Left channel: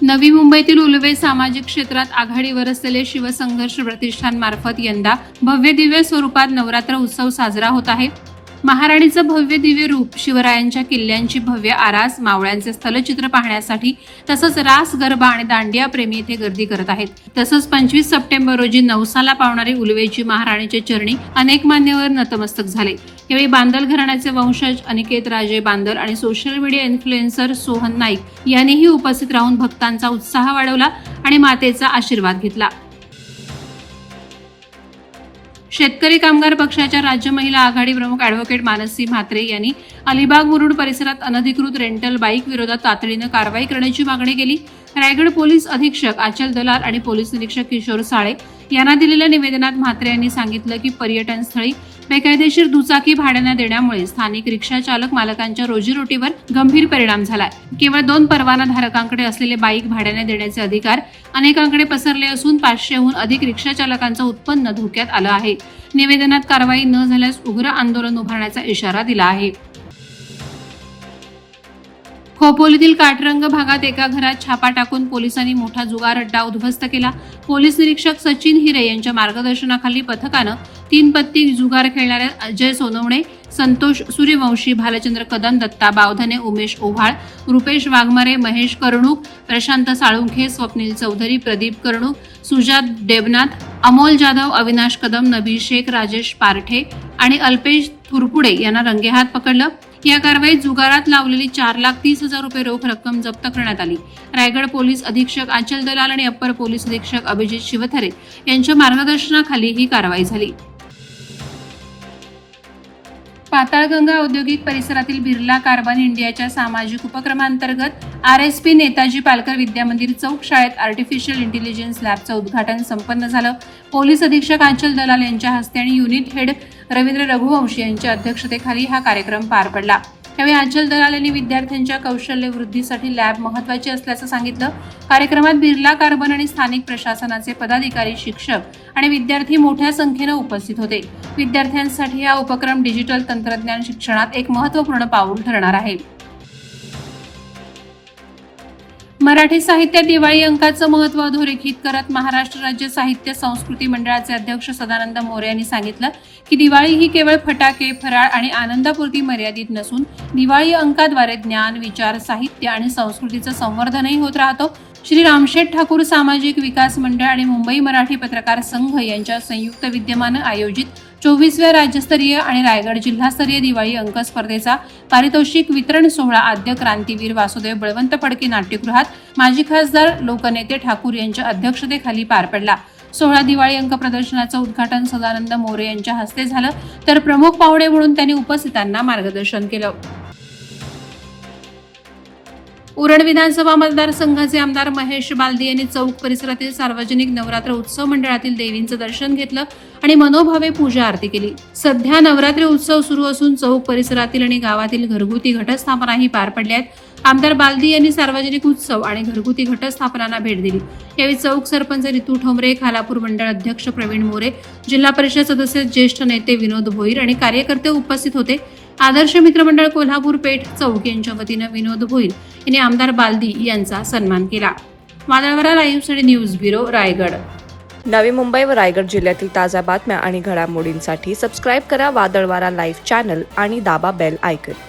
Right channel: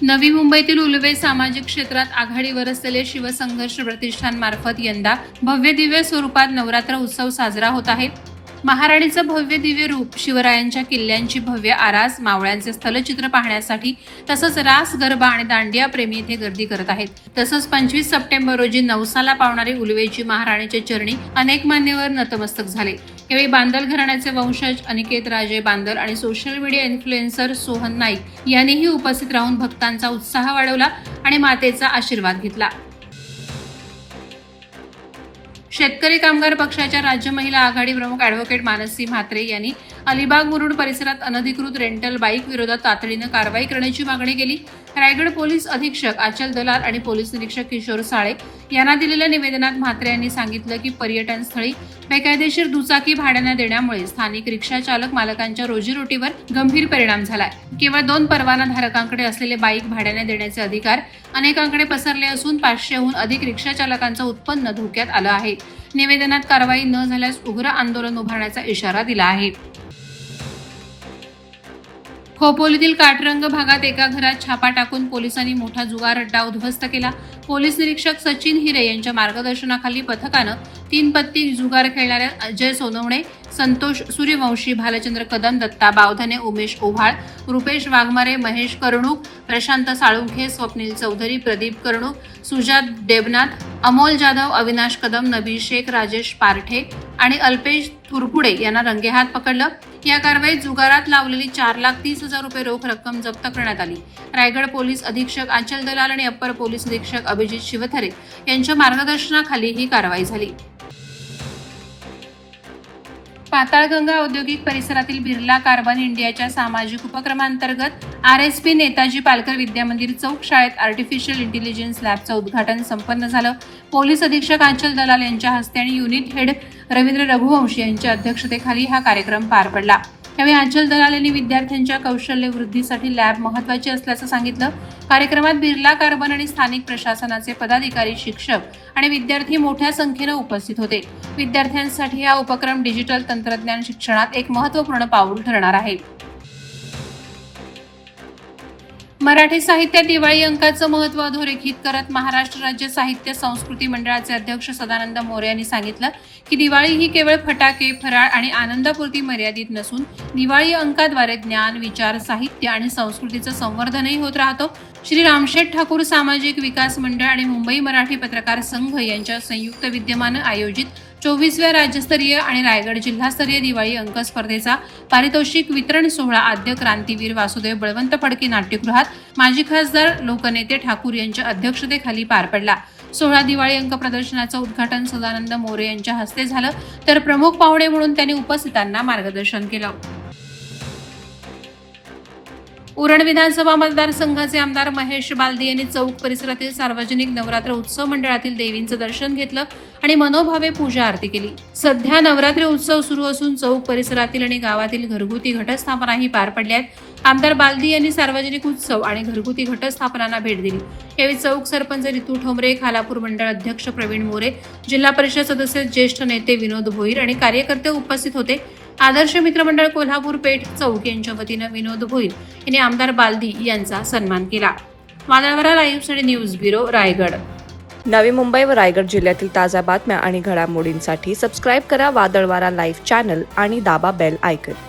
नवी मुंबईतील उलवे सामाजिक क्षेत्रात आघाडीवर असलेले शिवसंघर्ष प्रतिष्ठान मार्फत यंदा भव्य दिव्य स्वरूपात नवरात्र उत्सव साजरा होत आहे। महाराणीचं भव्य दिव्य रूप, शिवरायांच्या किल्ल्यांची भव्य आरास, मावळ्यांचे स्थलचित्र पाहण्यासाठी तसंच रास, गरबा आणि दांडिया प्रेमी येथे गर्दी करत आहेत। तसंच 25 सप्टेंबर रोजी नवसाला पावणारी उलवेची महाराणीच्या चरणी अनेक मान्यवर नतमस्तक झाले। यावेळी बांदल घराण्याचे वंशज अनिकेत राजे बांदल आणि social media influencer Sohan Naik यांनीही उपस्थित राहून भक्तांचा उत्साह वाढवला आणि मातेचा आशीर्वाद घेतला। शेतकरी कामगार पक्षाच्या राज्य महिला आघाडी प्रमुख ॲडव्होकेट मानसी म्हात्रे यांनी अलिबाग मुरुड परिसरात अनधिकृत रेंटल बाईक विरोधात तातडीने कारवाई करण्याची मागणी केली। रायगड पोलीस अधीक्षक आचल दलाल आणि पोलीस निरीक्षक किशोर साळे यांना दिलेल्या निवेदनात म्हात्रे यांनी सांगितलं की पर्यटन स्थळी बेकायदेशीर दुचाकी भाड्याने देण्यामुळे स्थानिक रिक्षा चालक मालकांच्या रोजीरोटीवर गंभीर परिणाम झालाय। केवळ 2 परवाना धारकांकडे असलेले बाईक भाड्याने देण्याचे अधिकार अनेकांकडे पसरले असून 500हून अधिक रिक्षा चालकांचं उत्पन्न धोक्यात आलं आहे। निवेदनात कारवाई न झाल्यास उग्र आंदोलन उभारण्याचा इशारा दिला आहे। खोपोलीतील काटरंग भागात एका घरात छापा टाकून पोलिसांनी मोठा जुगार अड्डा उद्ध्वस्त केला। पोलीस निरीक्षक सचिन हिरे यांच्या मार्गदर्शनाखाली पथकानं 3 पत्ती जुगार खेळणाऱ्या अजय सोनवणे, संतोष सूर्यवंशी, भालचंद्र कदम, दत्ता बावधने, उमेश ओव्हाळ, रुपेश वाघमारे, महेश कर्णूक, प्रशांत साळुंखे, स्वप्नील चौधरी, प्रदीप कर्णूक, सुजात देबनाथ, अमोल जाधव, अविनाश कदम, नबी शेख, राजेश पारठे आणि अल्पेश थुरपुडे यांना रंगेहात पकडलं। या कारवाईत जुगारात लावलेली 4,30,000 रुपये रोख रक्कम जप्त करण्यात आली। रायगड पोलीस अधीक्षक आचल दलाल आणि अप्पर पोलीस अधीक्षक अभिजित शिवथरे यांच्या मार्गदर्शनाखाली ही कारवाई झाली। पाताळगंगा औद्योगिक परिसरातील बिर्ला कार्बन इंडियाच्या सामाजिक उपक्रमांतर्गत RSP नेताजी पालकर विद्यामंदिर चौक शाळेत आर्टिफिशियल इंटेलिजन्स लॅबचं उद्घाटन संपन्न झालं। पोलीस अधीक्षक आचल दलाल यांच्या हस्ते आणि युनिट हेड रवींद्र रघुवंशी यांच्या अध्यक्षतेखाली हा कार्यक्रम पार पडला। यावेळी आचल दलाल यांनी विद्यार्थ्यांच्या कौशल्य वृद्धीसाठी लॅब महत्त्वाची असल्याचं सांगितलं। कार्यक्रमात बिर्ला कार्बन आणि स्थानिक प्रशासनाचे पदाधिकारी, शिक्षक आणि विद्यार्थी मोठ्या संख्येने उपस्थित होते। विद्यार्थ्यांसाठी हा उपक्रम डिजिटल तंत्रज्ञान शिक्षणात एक महत्त्वपूर्ण पाऊल ठरणार आहे। मराठी साहित्यात दिवाळी अंकाचं महत्त्व अधोरेखित करत महाराष्ट्र राज्य साहित्य संस्कृती मंडळाचे अध्यक्ष सदानंद मोरे यांनी सांगितलं की दिवाळी ही केवळ फटाके, फराळ आणि आनंदापुरती मर्यादित नसून दिवाळी अंकाद्वारे ज्ञान, विचार, साहित्य आणि संस्कृतीचं संवर्धनही होत राहतो। श्री रामशेठ ठाकूर सामाजिक विकास मंडळ आणि मुंबई मराठी पत्रकार संघ यांच्या संयुक्त विद्यमानं आयोजित 24व्या राज्यस्तरीय आणि रायगड जिल्हास्तरीय दिवाळी अंक स्पर्धेचा पारितोषिक वितरण सोहळा आद्य क्रांतीवीर वासुदेव बळवंत फडके नाट्यगृहात माजी खासदार लोकनेते ठाकूर यांच्या अध्यक्षतेखाली पार पडला। सोहळा दिवाळी अंक प्रदर्शनाचं उद्घाटन सदानंद मोरे यांच्या हस्ते झालं, तर प्रमुख पाहुणे म्हणून त्यांनी उपस्थितांना मार्गदर्शन केलं। उरण विधानसभा मतदारसंघाचे आमदार महेश बालदी यांनी चौक परिसरातील सार्वजनिक नवरात्र उत्सव मंडळातील देवींचं दर्शन घेतलं आणि मनोभावे पूजा आरती केली। सध्या नवरात्री उत्सव सुरू असून चौक परिसरातील आणि गावातील घरगुती घटस्थापनाही पार पडल्या आहेत। आमदार बालदी यांनी सार्वजनिक उत्सव आणि घरगुती घटस्थापनांना भेट दिली। यावेळी चौक सरपंच रितू ठोंबरे, खालापूर मंडळ अध्यक्ष प्रवीण मोरे, जिल्हा परिषद सदस्य ज्येष्ठ नेते विनोद भोईर आणि कार्यकर्ते उपस्थित होते। आदर्श मित्रमंडळ कोल्हापूर पेठ चौक यांच्या वतीनं विनोद भोईर यांनी आमदार बालदी यांचा सन्मान केला। वादळवाडा लाईव्हसाठी न्यूज ब्युरो, रायगड। नवी मुंबई व रायगड जिल्ह्यातील ताज्या बातम्या आणि घडामोडींसाठी सबस्क्राईब करा वादळवाडा लाईव्ह चॅनल आणि दाबा बेल आयकॉन।